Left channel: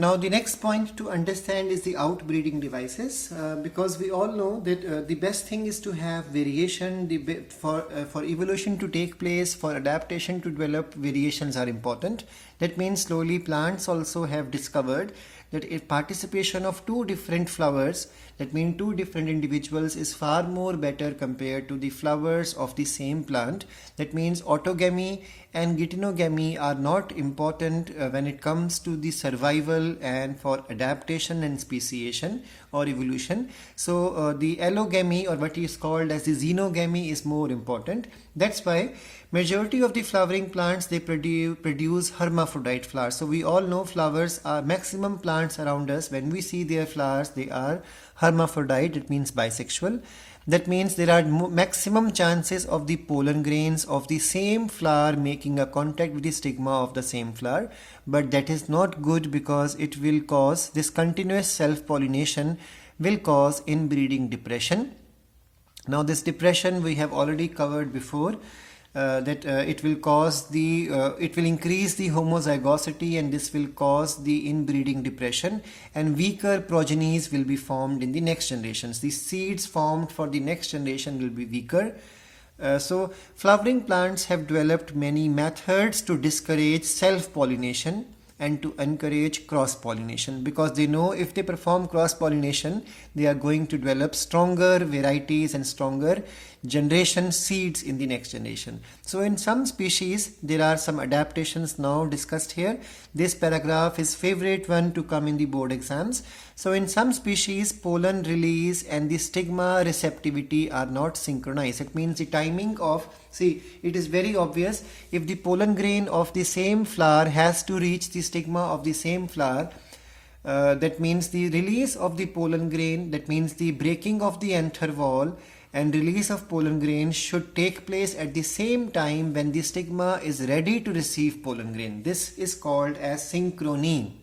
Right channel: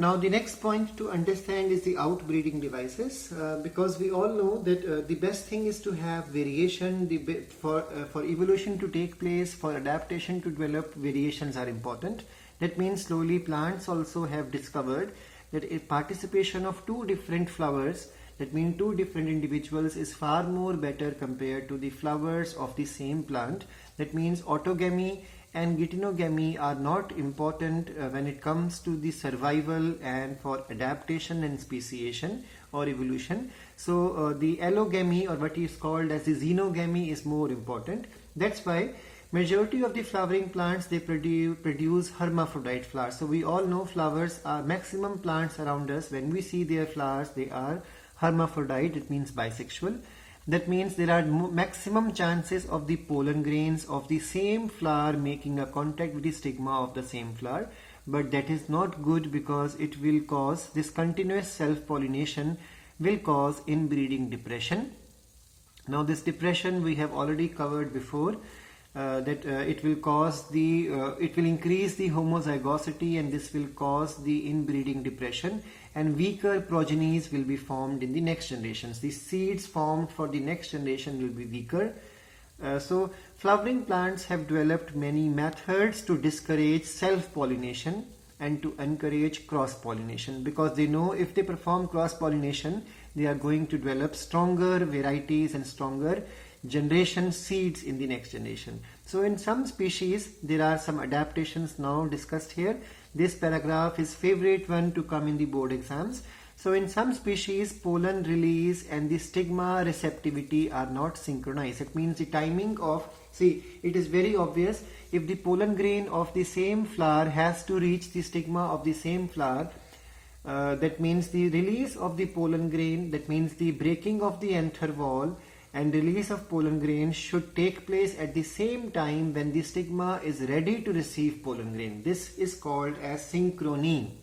Now the next point to understand is the outbreeding devices, because we all know that the best thing is to have variation. For evolution to take place, for adaptation to develop, variations are important. That means slowly plants also have discovered that a participation of two different flowers, that means two different individuals, is far more better compared to the flowers of the same plant. That means autogamy and geitonogamy are not important when it comes to the survival and for adaptation and speciation or evolution. So the allogamy, or what is called as the xenogamy, is more important. That's why majority of the flowering plants, they produce hermaphrodite flowers. So we all know flowers are maximum plants around us. When we see their flowers, they are hermaphrodite. It means bisexual. That means there are maximum chances of the pollen grains of the same flower making a contact with the stigma of the same flower. But that is not good, because it will cause, this continuous self-pollination will cause inbreeding depression. Now this depression we have already covered before, it will increase the homozygosity, and this will cause the inbreeding depression, and weaker progenies will be formed in the next generations. The seeds formed for the next generation will be weaker. So flowering plants have developed many methods to discourage self-pollination and to encourage cross-pollination, because they know if they perform cross-pollination, they are going to develop stronger varieties and stronger generation seeds in the next generation. So in some species, there are some adaptations now discussed here. This paragraph is favorite one to come in the board exams. So in some species, pollen release and the stigma receptivity are not synchronized. It means the timing of, see, it is very obvious, if the pollen grain of the same flower has to reach the stigma of the same flower, that means the release of the pollen grain, that means the breaking of the anther wall and release of pollen grain should take place at the same time when the stigma is ready to receive pollen grain. This is called as synchrony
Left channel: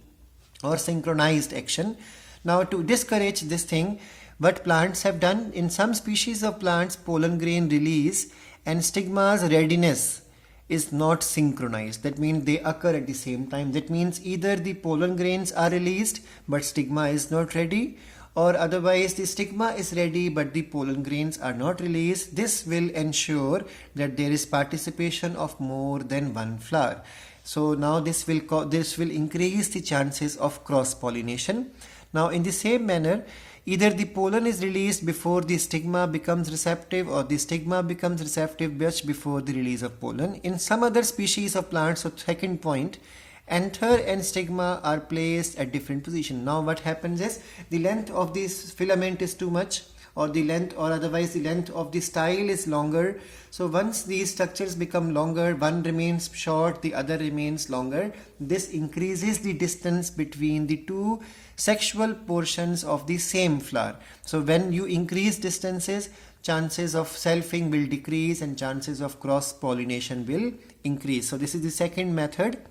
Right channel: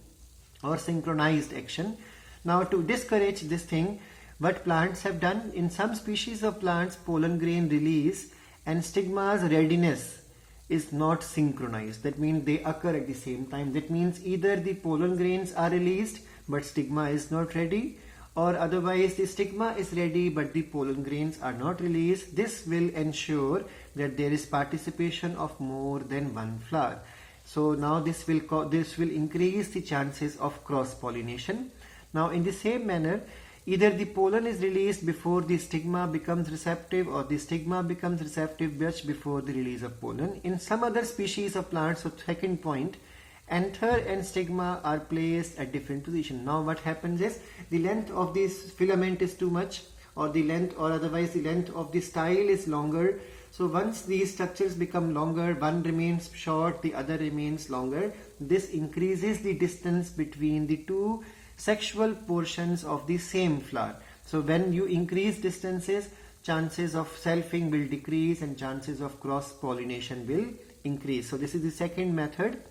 or synchronized action. Now to discourage this thing, what plants have done, in some species of plants, pollen grain release and stigma's readiness is not synchronized. That means they occur at the same time. That means either the pollen grains are released but stigma is not ready, or otherwise the stigma is ready but the pollen grains are not released. This will ensure that there is participation of more than one flower. So now this will increase the chances of cross-pollination. Now in the same manner, either the pollen is released before the stigma becomes receptive, or the stigma becomes receptive just before the release of pollen. In some other species of plants, so second point, anther and stigma are placed at different positions. Now what happens is, the length of this filament is too much, or the length, or otherwise the length of the style is longer. So once these structures become longer, one remains short, the other remains longer. This increases the distance between the two sexual portions of the same flower. So when you increase distances, chances of selfing will decrease and chances of cross-pollination will increase. So this is the second method,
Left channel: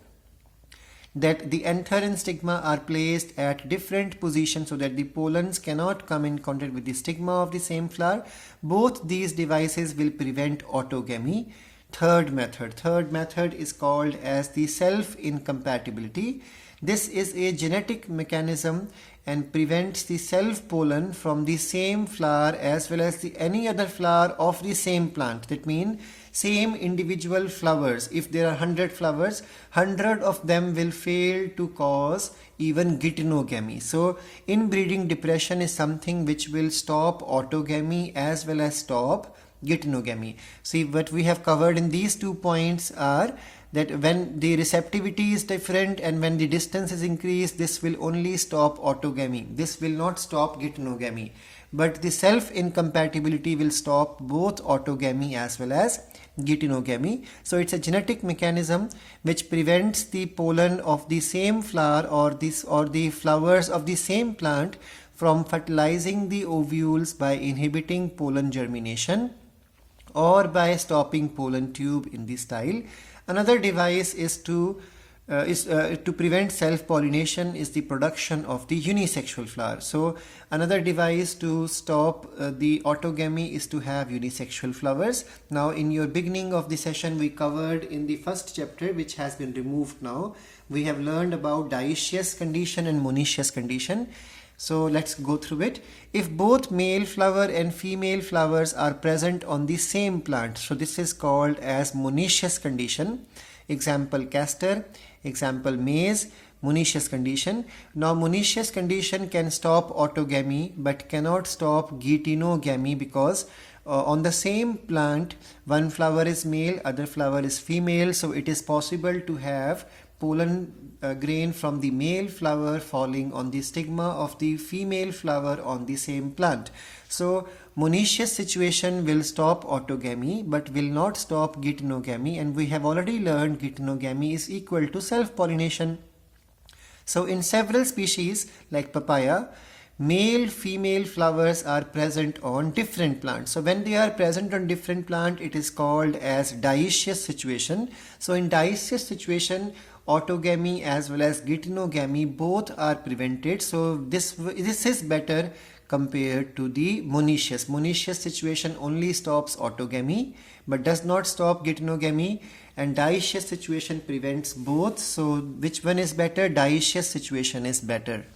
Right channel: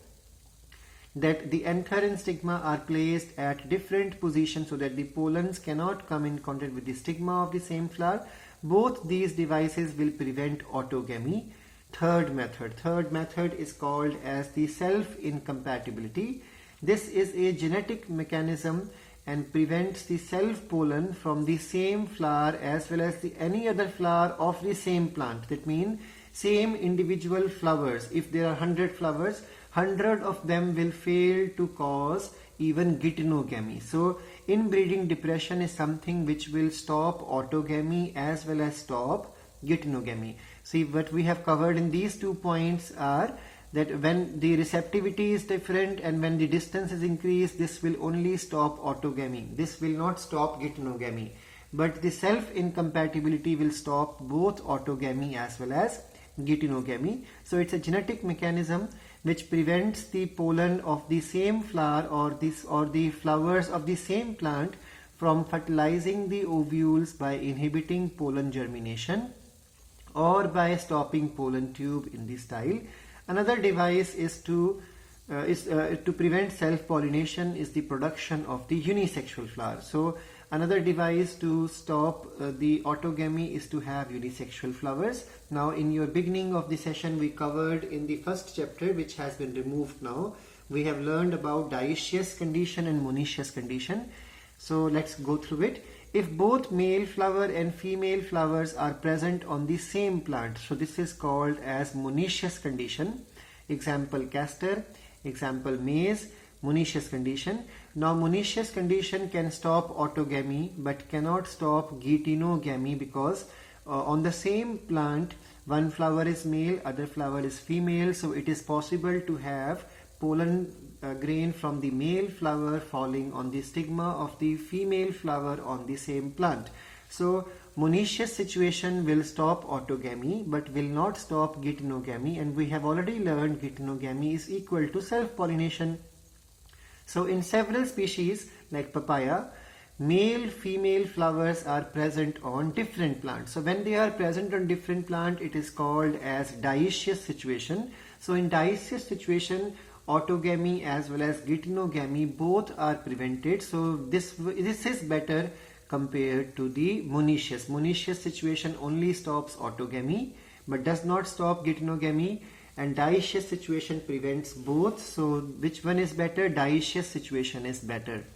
that the anther and stigma are placed at different positions so that the pollens cannot come in contact with the stigma of the same flower. Both these devices will prevent autogamy. Third method is called as the self-incompatibility. This is a genetic mechanism and prevents the self-pollen from the same flower as well as any other flower of the same plant. That means same individual flowers. If there are 100 flowers, 100 of them will fail to cause even geitonogamy. So inbreeding depression is something which will stop autogamy as well as stop geitonogamy. See, what we have covered in these 2 points are that when the receptivity is different and when the distance is increased, this will only stop autogamy. This will not stop geitonogamy. But the self-incompatibility will stop both autogamy as well as geitonogamy. So it's a genetic mechanism which prevents the pollen of the same flower or the flowers of the same plant from fertilizing the ovules by inhibiting pollen germination or by stopping pollen tube in the style. Another device is to prevent self-pollination is the production of the unisexual flower. So another device to stop the autogamy is to have unisexual flowers. Now in your beginning of the session we covered in the first chapter, which has been removed now, we have learned about dioecious condition and monoecious condition. So let's go through it. If both male flower and female flowers are present on the same plant, so this is called as monoecious condition. Example castor, example maize, monoecious condition. Now monoecious condition can stop autogamy but cannot stop geitonogamy, because on the same plant one flower is male, other flower is female, so it is possible to have pollen grain from the male flower falling on the stigma of the female flower on the same plant. So monoecious situation will stop autogamy but will not stop geitonogamy, and we have already learned geitonogamy is equal to self-pollination. So in several species like papaya, male female flowers are present on different plants. So when they are present on different plant, it is called as dioecious situation. So in dioecious situation, autogamy as well as geitonogamy both are prevented. So this is better compared to the monoecious. Monoecious situation only stops autogamy but does not stop geitonogamy, and dioecious situation prevents both. So which one is better? Dioecious situation is better.